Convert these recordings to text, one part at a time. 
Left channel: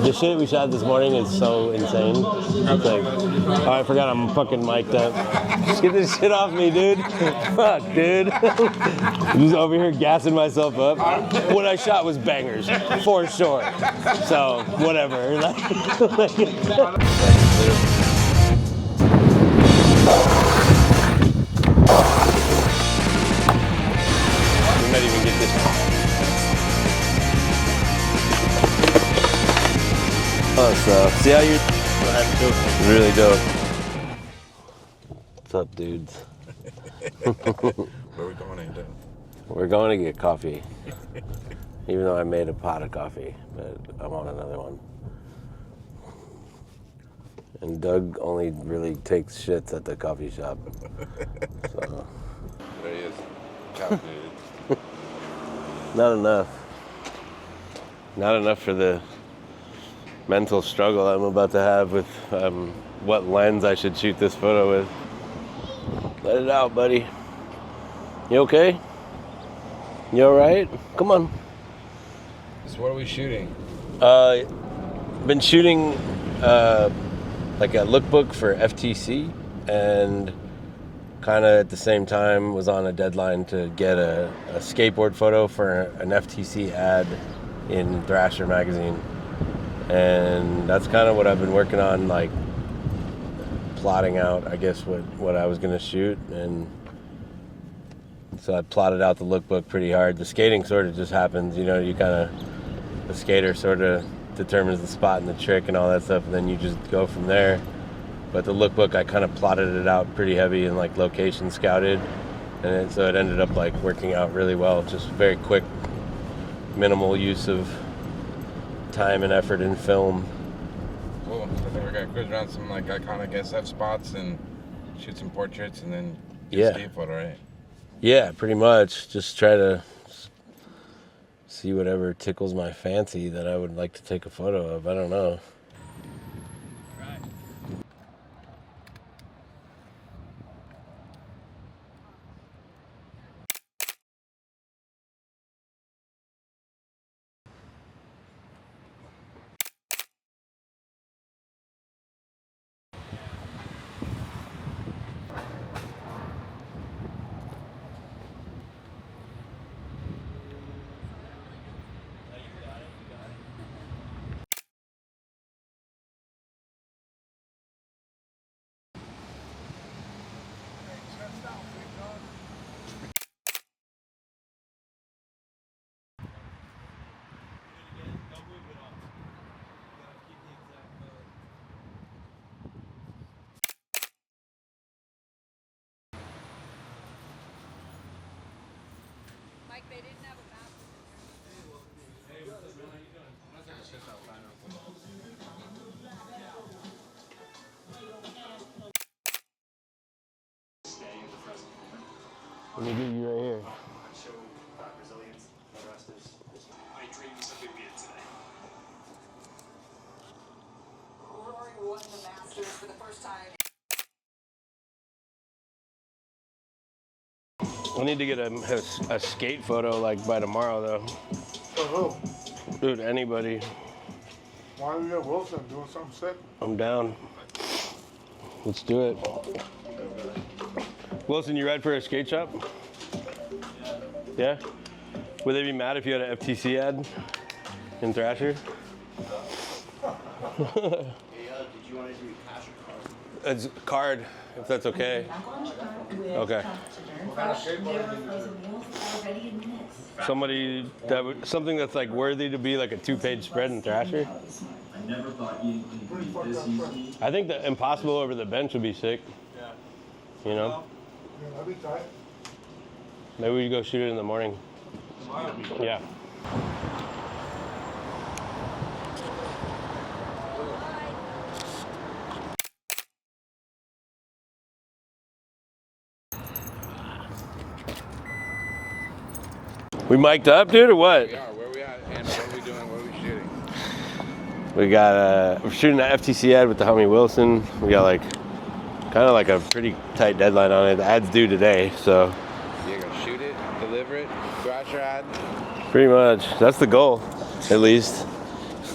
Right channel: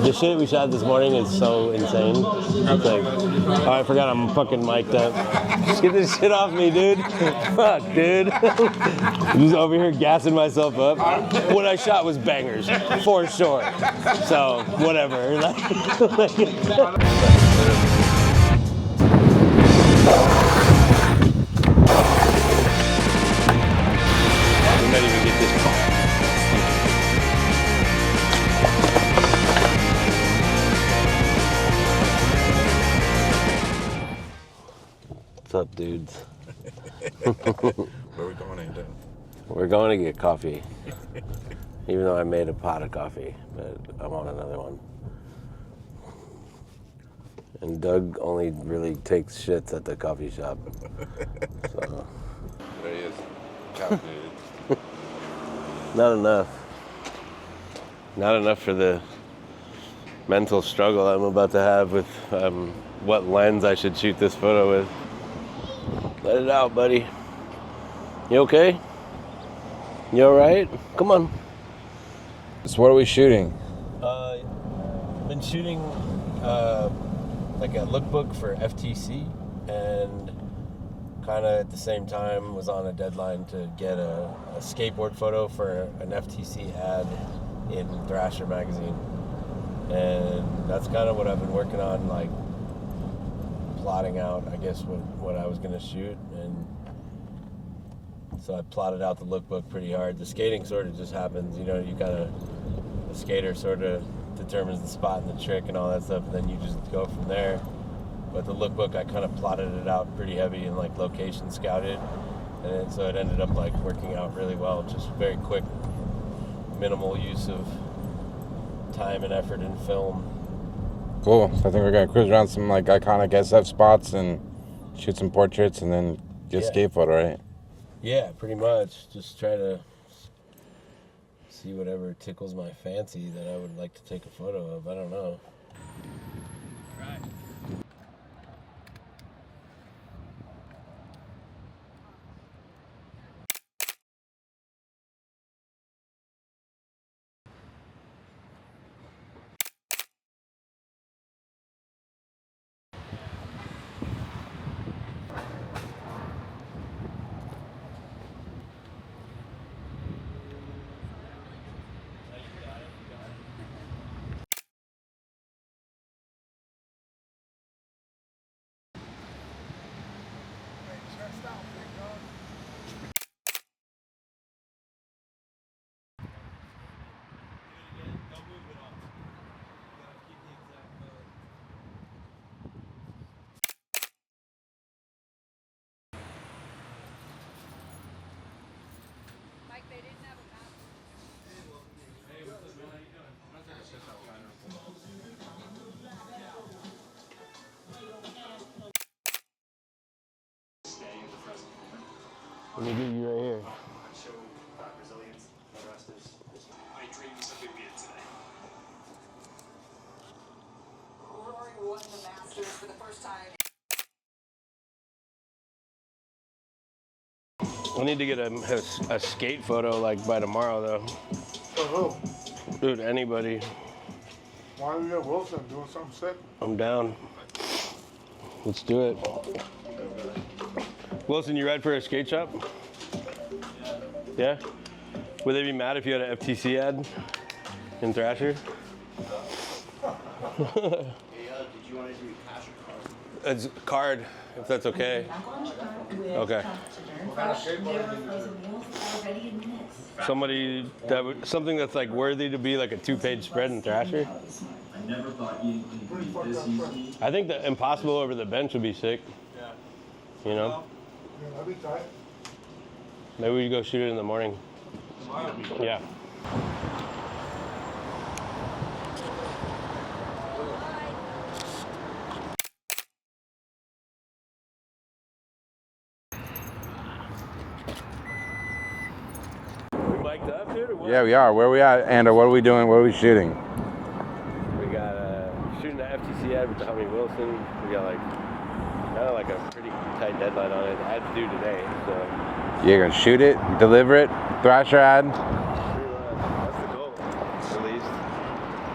The shit we shot this morning is so insane. It's like, oh, I forgot I'm fucking mic'd up. Just get this shit off me, dude. Fuck, dude. I'm just over here gassing myself up. What I shot was bangers, for sure. So, whatever. We might even get this. See how you really dope. What's up, dudes? Where are we going, Ando? We're going to get coffee. Even though I made a pot of coffee, but I want another one. And Doug only really takes shits at the coffee shop. So. There he is. Caulfield. Not enough. Not enough for the mental struggle I'm about to have with what lens I should shoot this photo with. Let it out, buddy. You okay? You all right? Come on. So what are we shooting? Been shooting like a lookbook for FTC, and kind of at the same time was on a deadline to get a skateboard photo for an FTC ad in Thrasher magazine. And that's kind of what I've been working on, like plotting out, I guess, what I was going to shoot. And so I plotted out the lookbook pretty hard. The skating sort of just happens, you know, the skater sort of determines the spot and the trick and all that stuff, and then you just go from there. But the lookbook, I kind of plotted it out pretty heavy and like location scouted. And so it ended up like working out really well. Just very quick, minimal use of time and effort in film. Cool. I think we're gonna cruise around some like iconic SF spots and shoot some portraits and then get a skate photo, right? Yeah, pretty much. Just try to see whatever tickles my fancy that I would like to take a photo of. I don't know. Let me get you right here. Show that resilience. The rest is my dreams of doing it today. Rory won the Masters for the first time. I need to get a skate photo like by tomorrow though. For who? Dude, anybody. Why don't you get Wilson doing something sick? I'm down. Let's do it. Wilson, you ready for a skate shop? Yeah? Would they be mad if you had an FTC ad in Thrasher? Hey, did you want to do cash or card? It's card, if that's okay. Okay. Somebody that would, something that's like worthy to be like a 2-page spread in Thrasher. I never thought you'd be this easy. I think the Impossible over the bench would be sick. Yeah. You know? Yeah, that'd be tight. Maybe we go shoot it in the morning. Yeah. We mic'd up, dude, or what? Yeah, we are. Where are we at, Ando? What are we doing? What are we shooting? We got we're shooting an FTC ad with the homie Wilson. We got like kind of like a pretty tight deadline on it. The ad's due today, so You're gonna shoot it, deliver it, Thrasher ad. pretty much that's the goal, at least.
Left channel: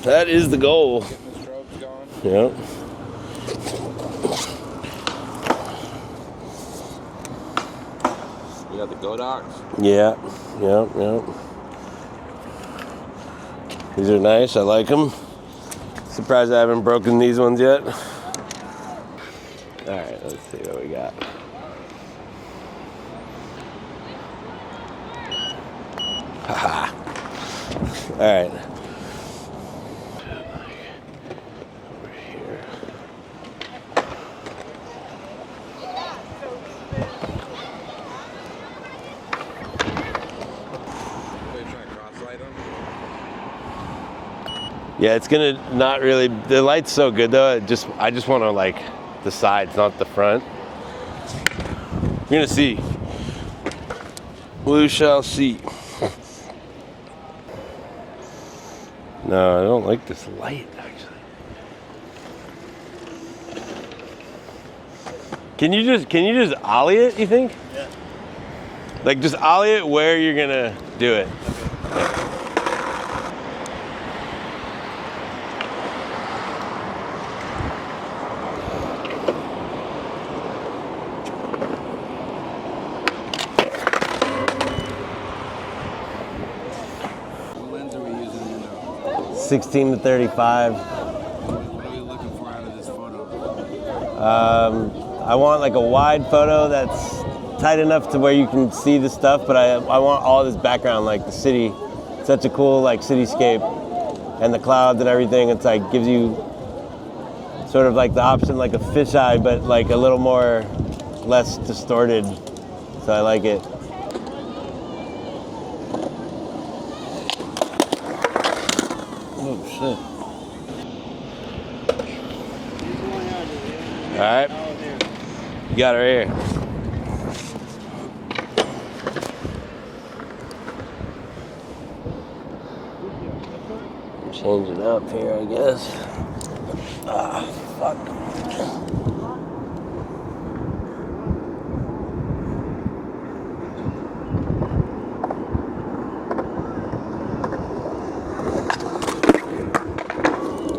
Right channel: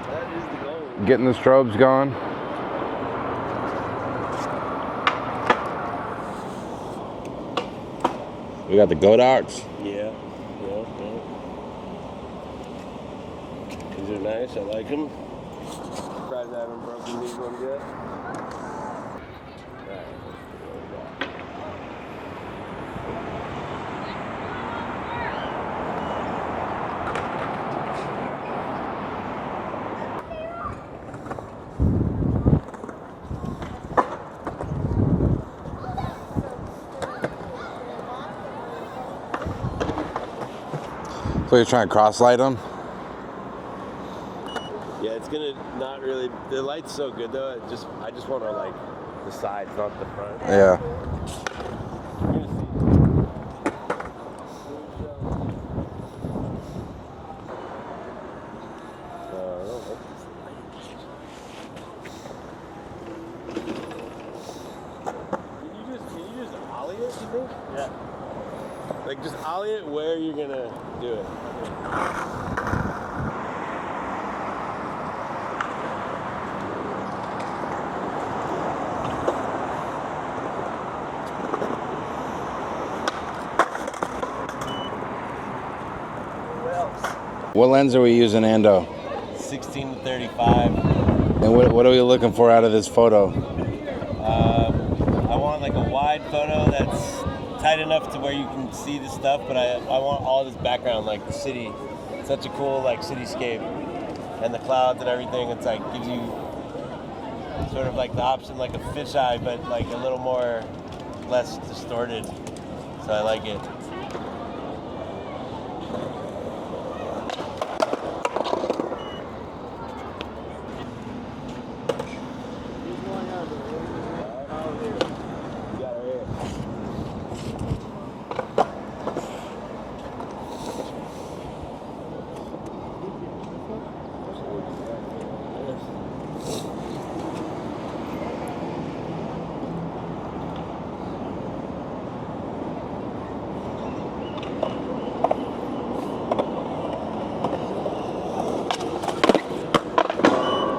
That is the goal. Getting the strobes going. Yep. We got the Godox. Yeah. Yep. These are nice. I like them. Surprised I haven't broken these ones yet. All right, let's see what we got. All right. So you're trying to cross light them? Yeah, it's gonna not really. The light's so good though. I just want to like the sides, not the front. Yeah. You're gonna see. We shall see. No, I don't like this light. Actually. Can you just ollie it? You think? Yeah. Like just ollie it where you're gonna do it. What lens are we using, Ando? 16 to 35. And what are we looking for out of this photo? I want like a wide photo that's tight enough to where you can see the stuff, but I want all this background, like the city. Such a cool like cityscape, and the clouds and everything. It's like gives you sort of like the option, like a fisheye, but like a little more, less distorted. So I like it. Oh shit! All right, you got her here. Change it up here, I guess. Ah, fuck.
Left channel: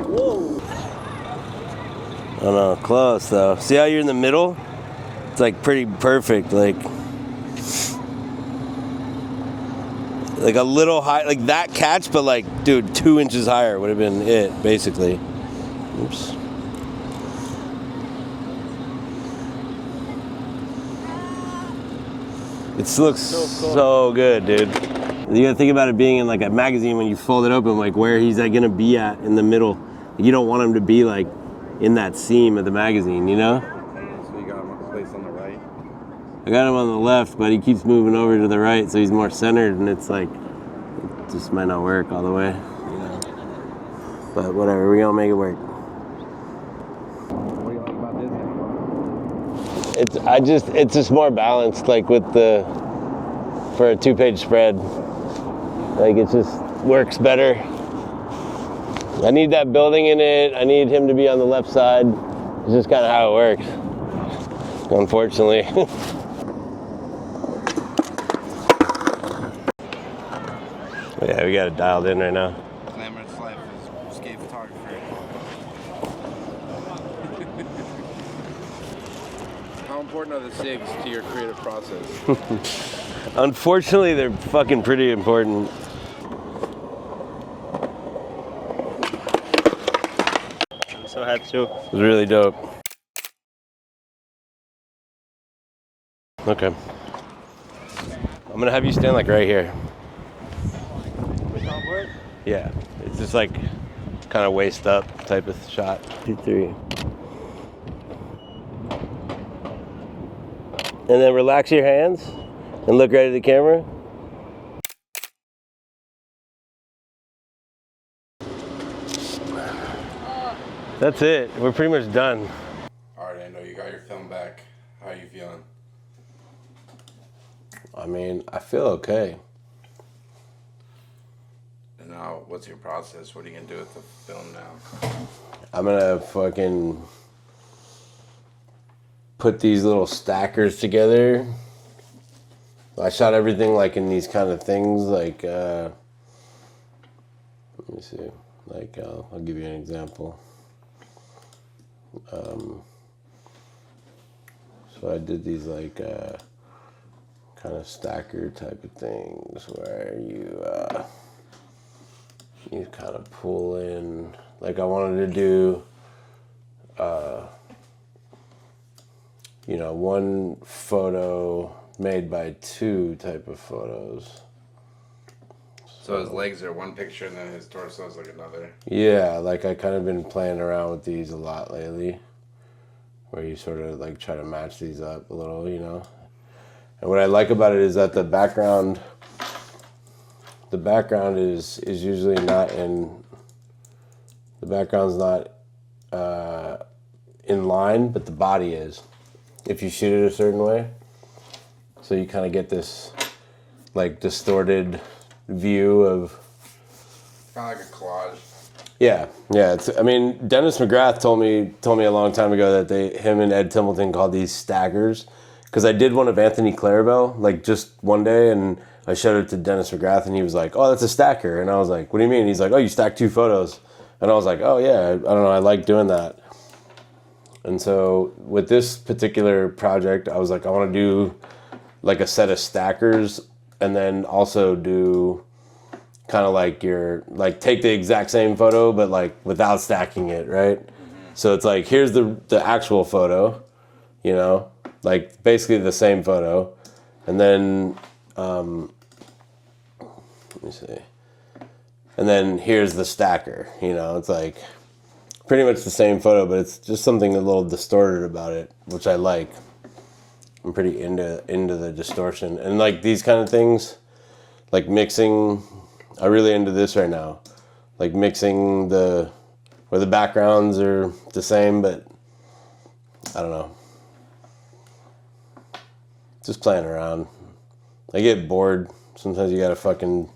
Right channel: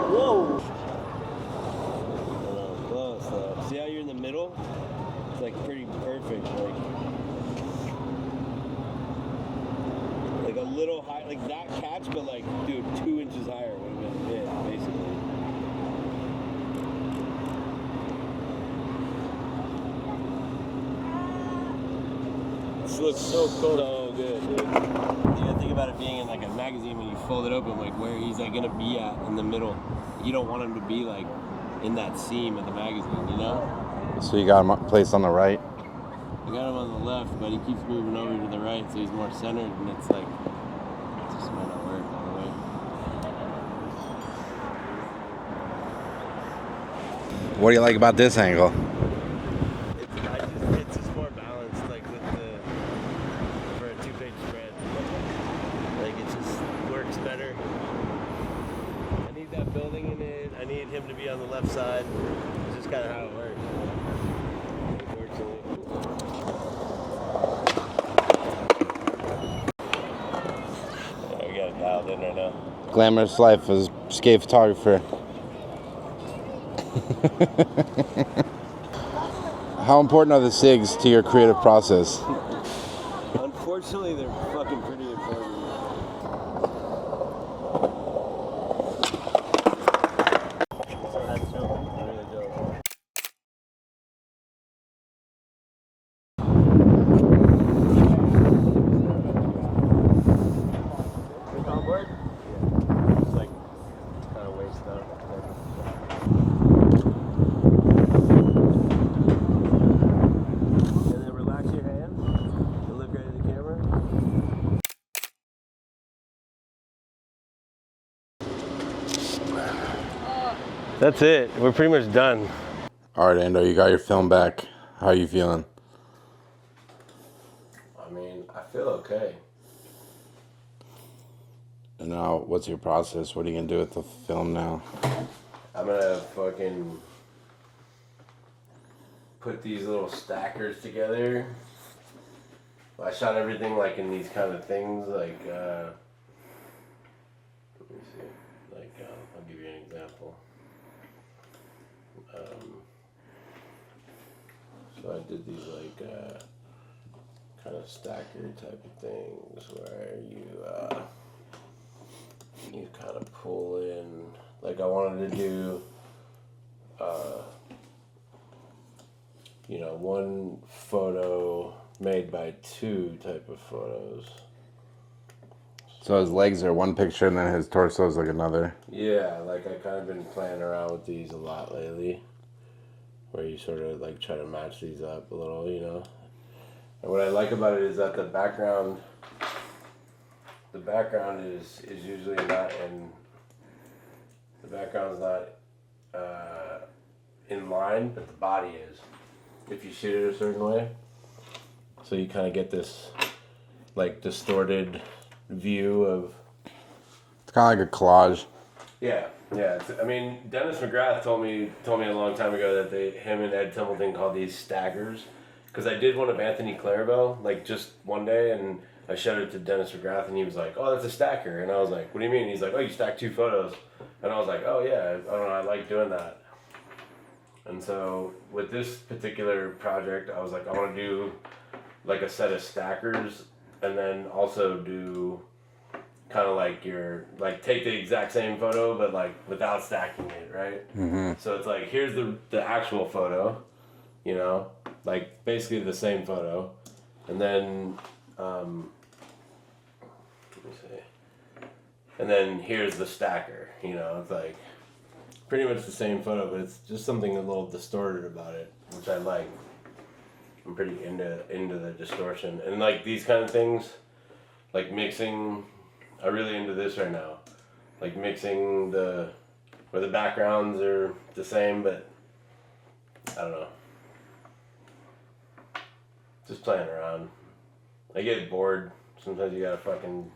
Whoa. I don't know, close though. See how you're in the middle? It's like pretty perfect, like a little high, like that catch, but like, dude, 2 inches higher would have been it, basically. Oops. It looks so good, dude. You gotta think about it being in like a magazine when you fold it open, like where he's like gonna be at in the middle. You don't want him to be like in that seam of the magazine, you know? So you got him placed on the right? I got him on the left, but he keeps moving over to the right, so he's more centered, and it's like, it just might not work all the way. But whatever, we're gonna make it work. What do you like about this angle? It's just more balanced, like with for a 2-page spread. Like it just works better. I need that building in it. I need him to be on the left side. It's just kind of how it works, unfortunately. Yeah, we got it dialed in right now. Glamorous life as a skate photographer. How important are the SIGs to your creative process? Unfortunately, they're fucking pretty important. So I had to. It was really dope. Okay. I'm gonna have you stand like right here. Yeah, it's just like kind of waist up type of shot. 2, 3. And then relax your hands and look right at the camera. That's it. We're pretty much done. All right, Ando, you got your film back. How are you feeling? I mean, I feel okay. And now, what's your process? What are you gonna do with the film now? I'm gonna fucking put these little stackers together. I shot everything like in these kind of things, like, let me see. Like, I'll give you an example. So I did these like kind of stacker type of things where you kind of pull in. Like I wanted to do, one photo made by two type of photos. So his legs are one picture and then his torso is like another. Yeah, like I kind of been playing around with these a lot lately, where you sort of like try to match these up a little, And what I like about it is that the background is usually not in. The background's not in line, but the body is. If you shoot it a certain way, so you kind of get this like distorted view of. It's kind of like a collage. Yeah. Dennis McGrath told me a long time ago that him and Ed Templeton called these stackers, because I did one of Anthony Clarabelle like just one day, and I showed it to Dennis McGrath, and he was like, "Oh, that's a stacker," and I was like, "What do you mean?" He's like, "Oh, you stack two photos," and I was like, "Oh yeah, I don't know, I like doing that." And so with this particular project, I was like, I want to do like a set of stackers, and then also do kind of like take the exact same photo, but like without stacking it, right? Mm-hmm. So it's like, here's the actual photo, like basically the same photo. And then, let me see. And then here's the stacker, it's like pretty much the same photo, but it's just something a little distorted about it, which I like. I'm pretty into the distortion. And like these kind of things, like mixing, I'm really into this right now. Like mixing where the backgrounds are the same, but I don't know. Just playing around. I get bored. Sometimes you gotta fucking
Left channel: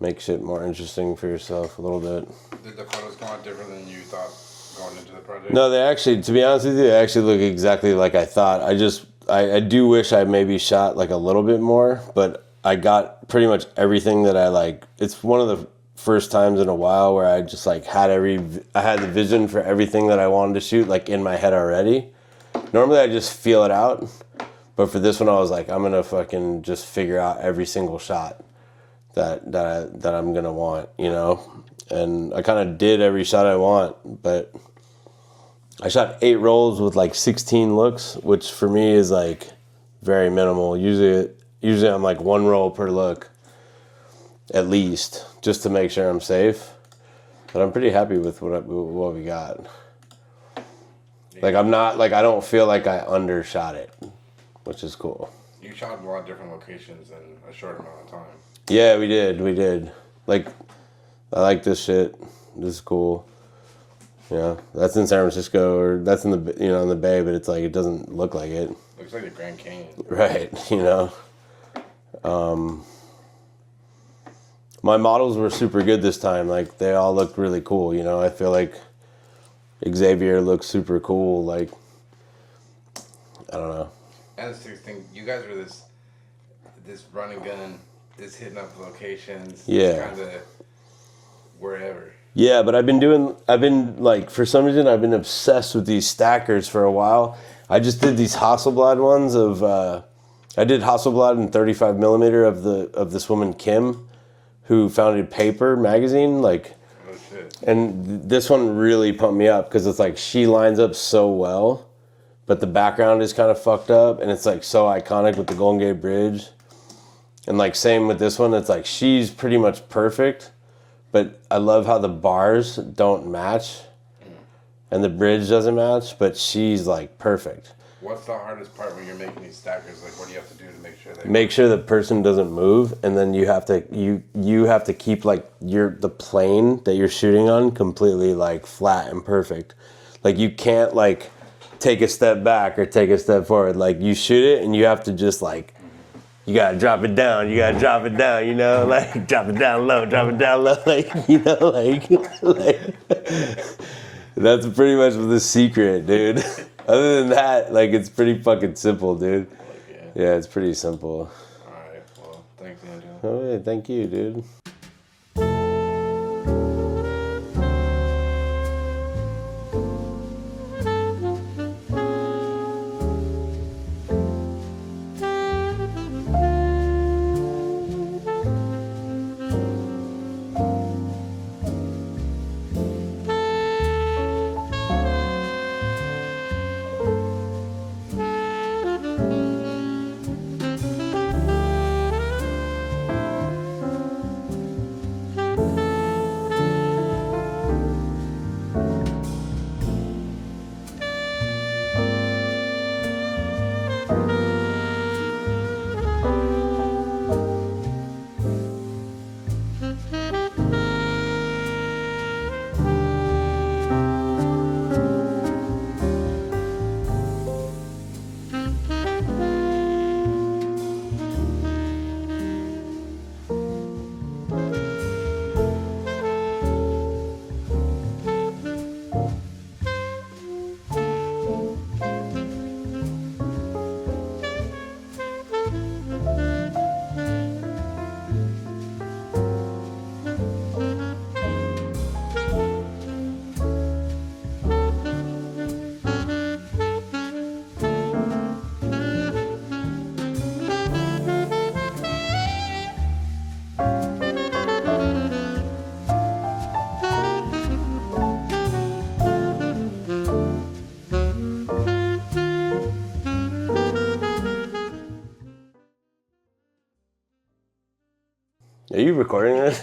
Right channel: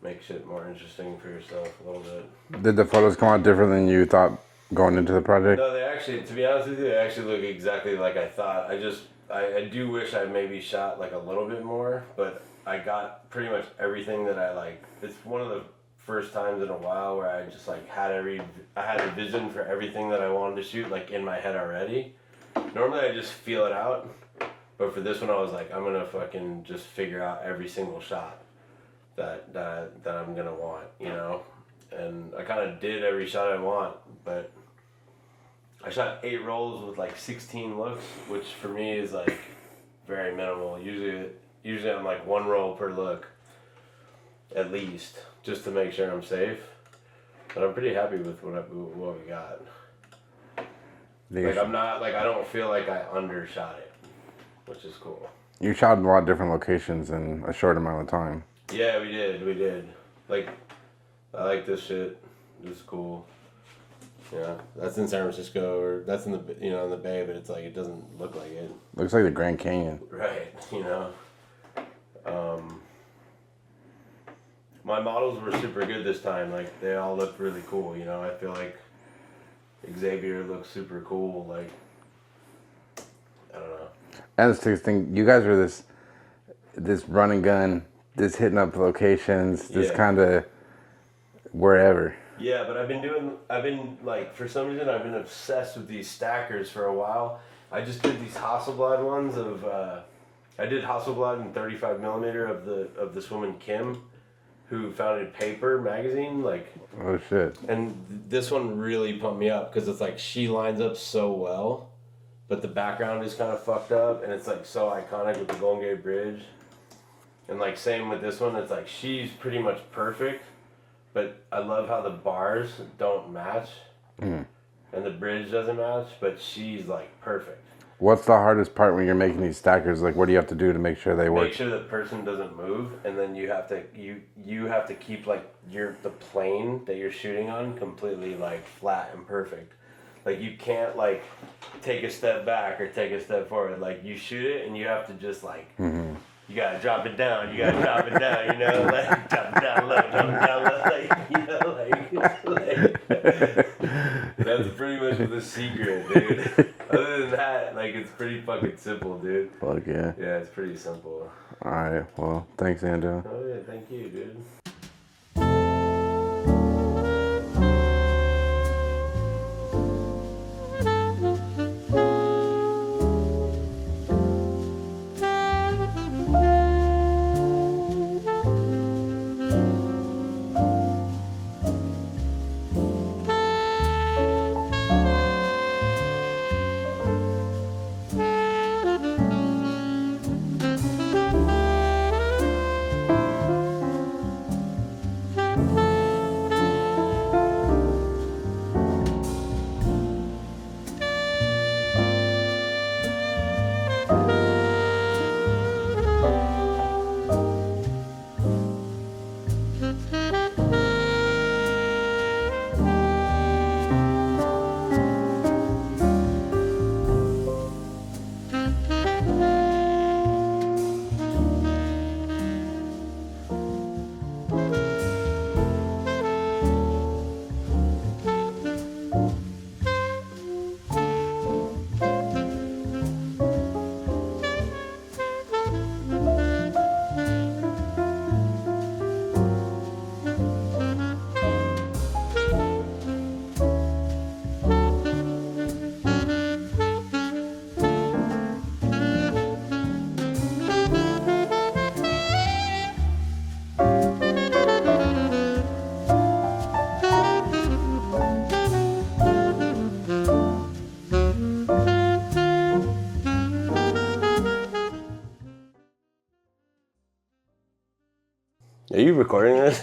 make shit more interesting for yourself a little bit. Did the photos come out different than you thought going into the project? No, they actually, to be honest with you, they actually look exactly like I thought. I do wish I maybe shot like a little bit more, but I got pretty much everything that I like. It's one of the first times in a while where I just like I had the vision for everything that I wanted to shoot like in my head already. Normally I just feel it out, but for this one I was like, I'm gonna fucking just figure out every single shot that I'm gonna want, and I kind of did every shot I want, but I shot 8 rolls with like 16 looks, which for me is like very minimal. Usually I'm like 1 roll per look, at least, just to make sure I'm safe. But I'm pretty happy with what we got. Like I'm not like I don't feel like I undershot it, which is cool. You shot in a lot of different locations in a short amount of time. Yeah, we did. Like, I like this shit. This is cool. Yeah, that's in San Francisco, or that's in the in the Bay, but it's like it doesn't look like it. Looks like the Grand Canyon. Right. My models were super good this time. Like they all looked really cool. I feel like Xavier looks super cool. Like I don't know. And the thing, you guys are this run and gun, this hitting up locations, this kind of wherever. Yeah, but I've been like, for some reason, I've been obsessed with these stackers for a while. I just did these Hasselblad ones I did Hasselblad in 35 millimeter of this woman, Kim, who founded Paper magazine, like. Oh, shit. And this one really pumped me up, because it's like, she lines up so well, but the background is kind of fucked up, and it's like so iconic with the Golden Gate Bridge. And like, same with this one, it's like, she's pretty much perfect, but I love how the bars don't match, and the bridge doesn't match, but she's like perfect. What's the hardest part when you're making these stackers? Like, what do you have to do to make sure they work? Make sure the person doesn't move, and then you have to keep like the plane that you're shooting on completely like flat and perfect. Like you can't like take a step back or take a step forward. Like you shoot it, and you have to just like. You gotta drop it down. Like drop it down low, like that's pretty much the secret, dude. Other than that, like it's pretty fucking simple, dude. Fuck yeah. Yeah, it's pretty simple. All right. Well, thanks, Ando. Oh yeah, thank you, dude. Are you recording this?